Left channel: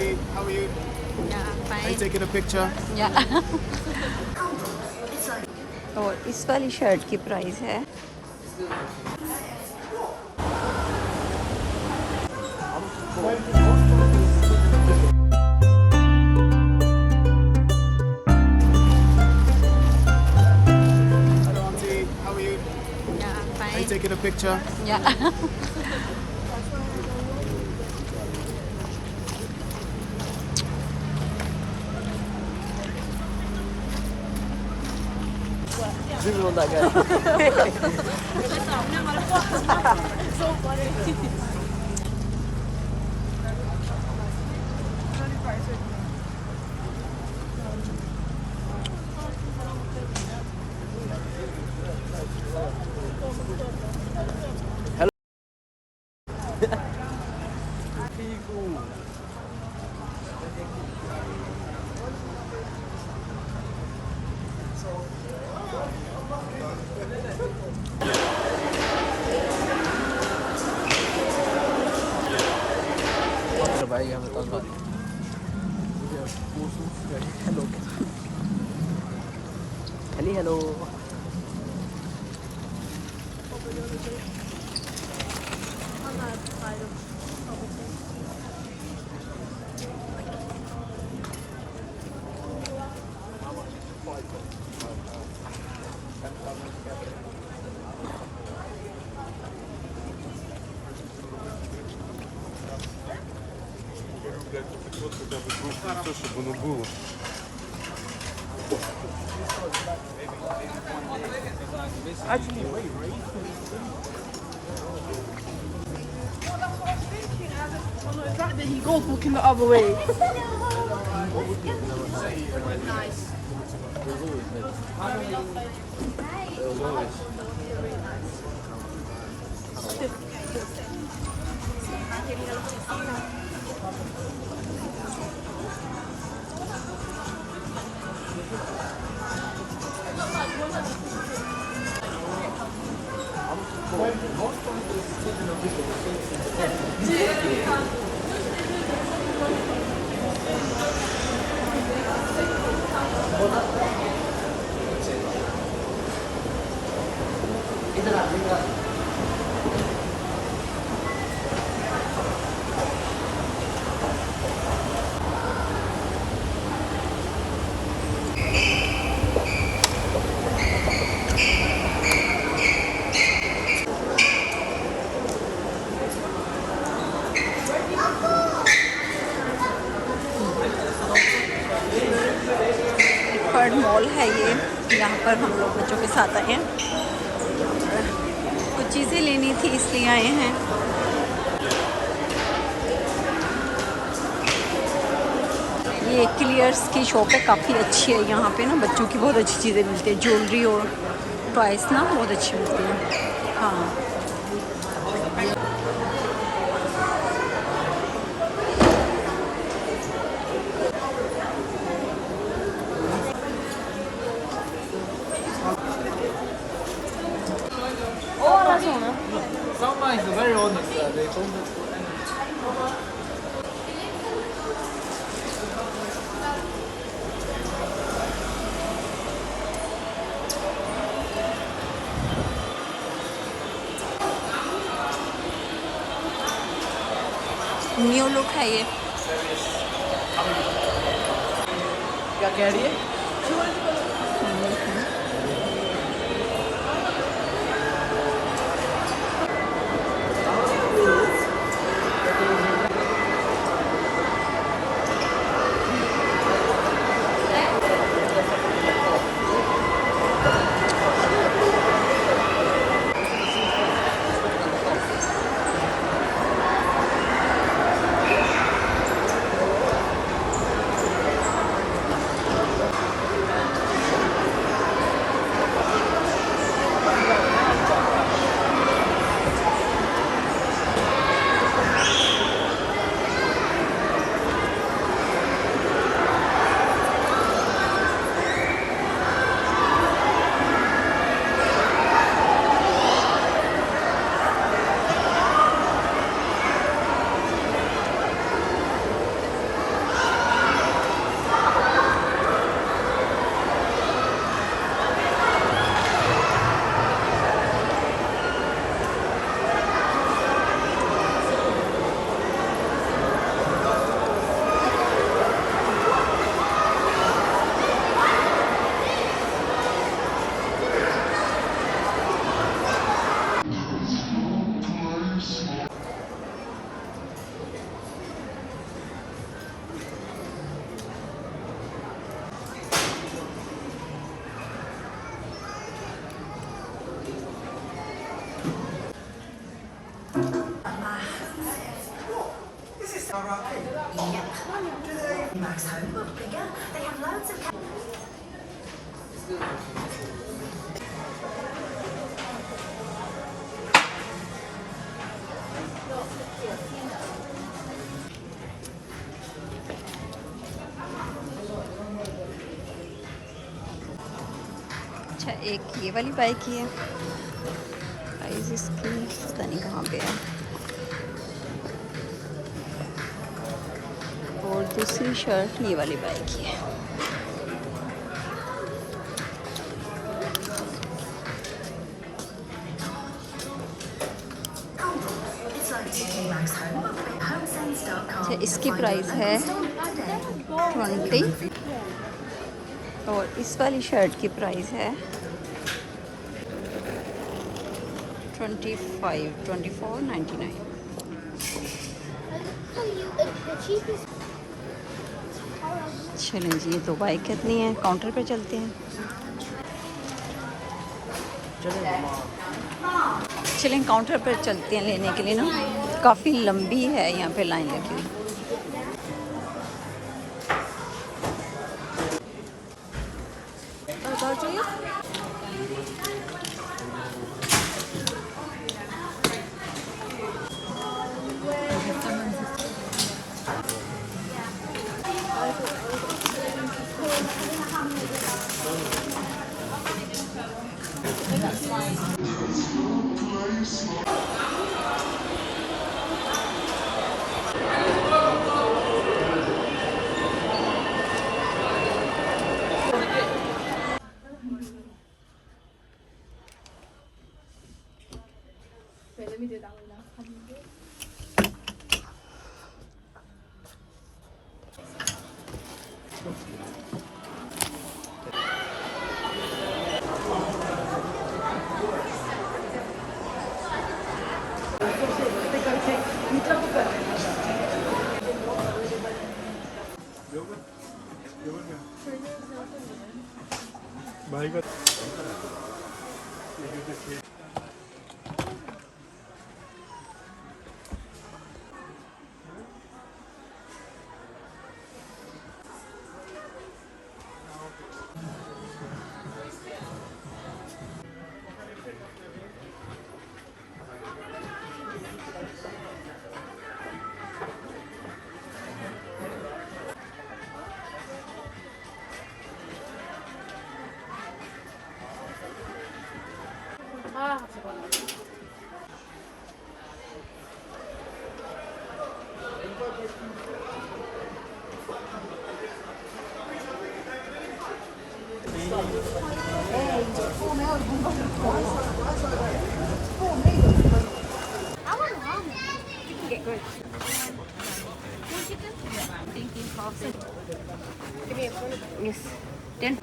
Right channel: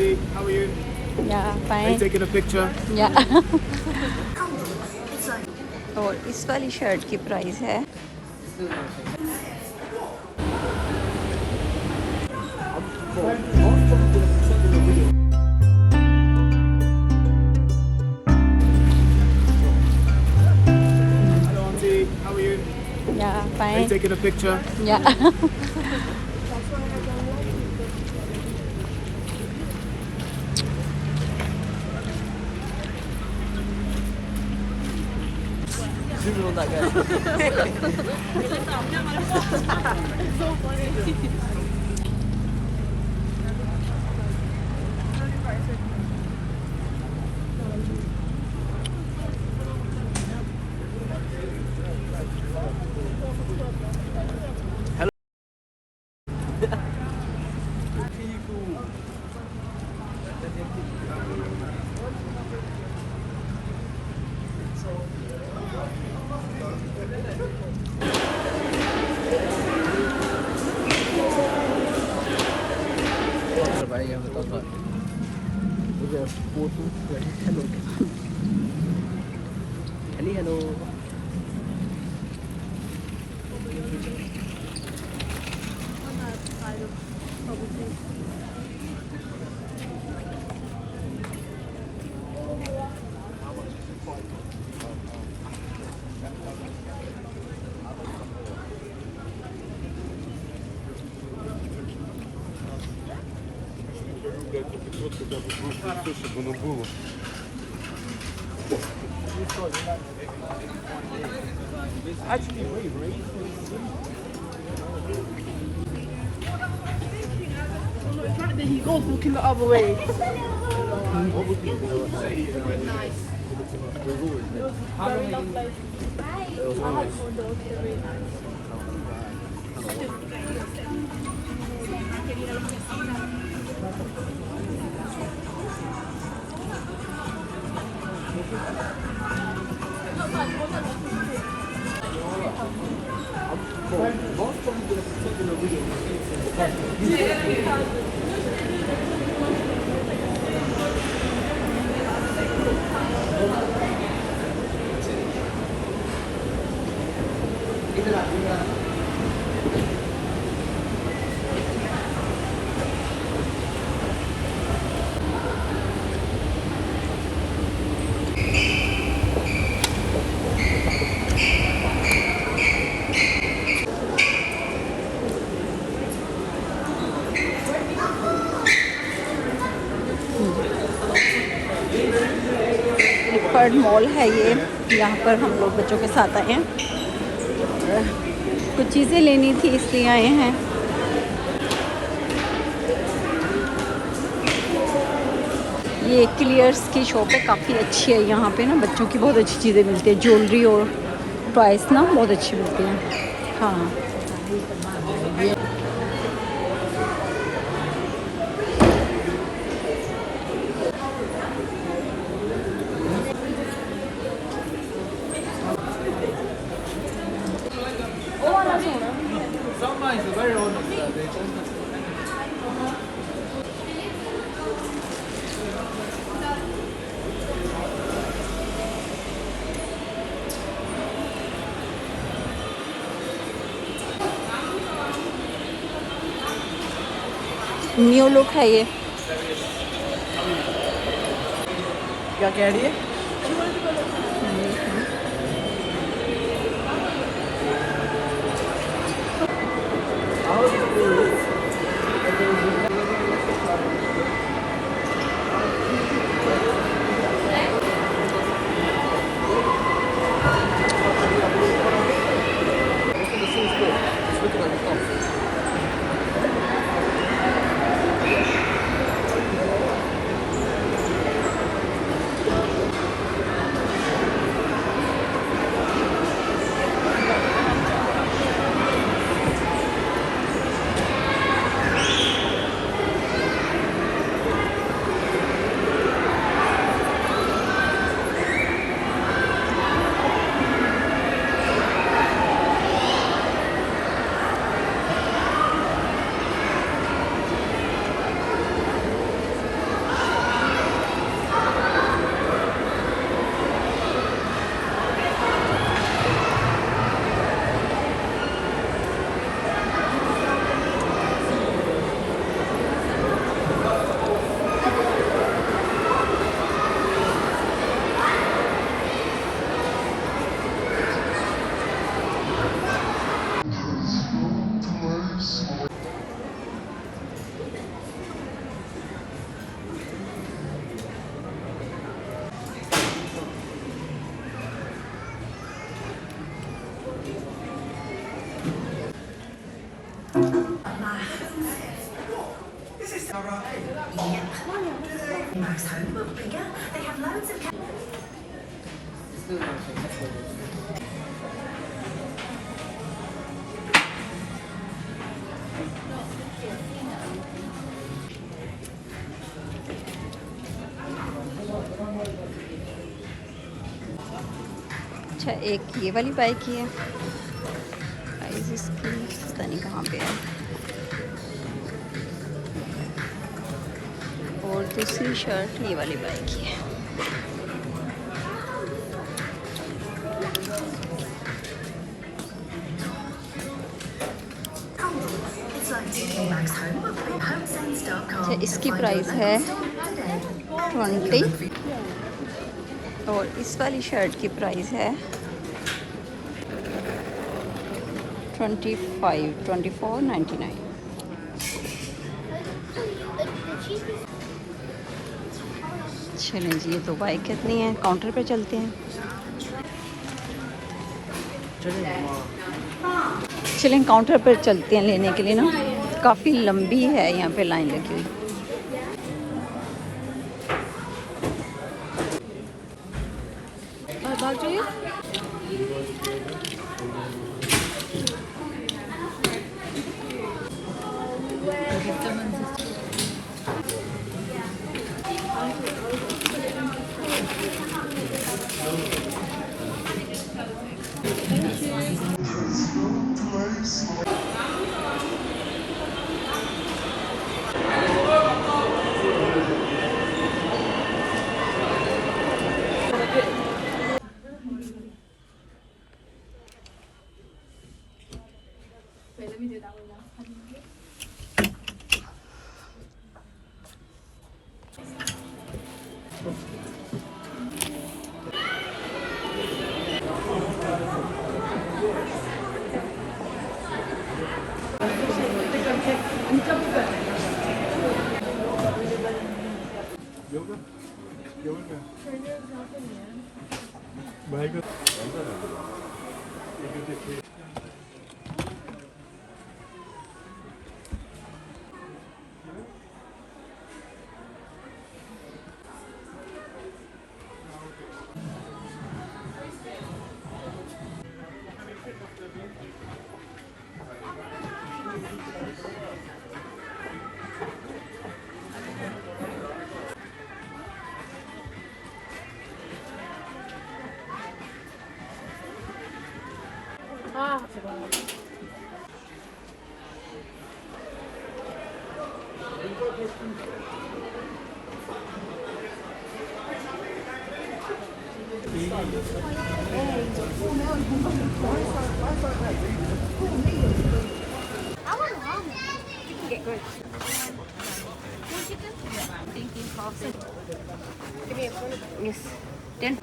Auntie, how are you? Yeah, Are you fine. taking a picture? Yeah. और इस वाली शर्ट की प्राइस है Hello, Auntie, how are you? या Are you fine taking a picture? या Zoom on that guy. It's so funny. भाई यहाँ बताऊँगा मुझे पोसू hello hello Щоб не було. He goes walking the other way. Flipkart mall है ये यहाँ पर हम लोग बच्चों के साथ आए हैं और कुछ चीज़ें लेनी थी इसलिए आए हैं ये क्लियर्स की शॉप है काफ़ी अच्छी है यहाँ पे ना बच्चों की बहुत अच्छी चीज़ें मिलती है ज्वेलरी और टॉयस ना बहुत अच्छी मिलती हैं हाँ न्यू लुक है ये क्या कह रही है अच्छा, एक ये वाली बाइक की है, प्राइस इसकी पता नहीं कहाँ पे है। और दूसरी शर्ट ये वाली बाइक की है। अच्छा, इसकी प्राइस है 20 और इस वाली शर्ट की प्राइस है 24.99। चलें जी, ये दो बाइक कितनी है, काउंटर पे चलते हैं। चलें काउंटर पर चलते हैं लेने के लिए ना, काफ़ी लंबी है यहाँ पे लाइन लगी हुई। भाई का Okay, good. Thank you. Yes. 10.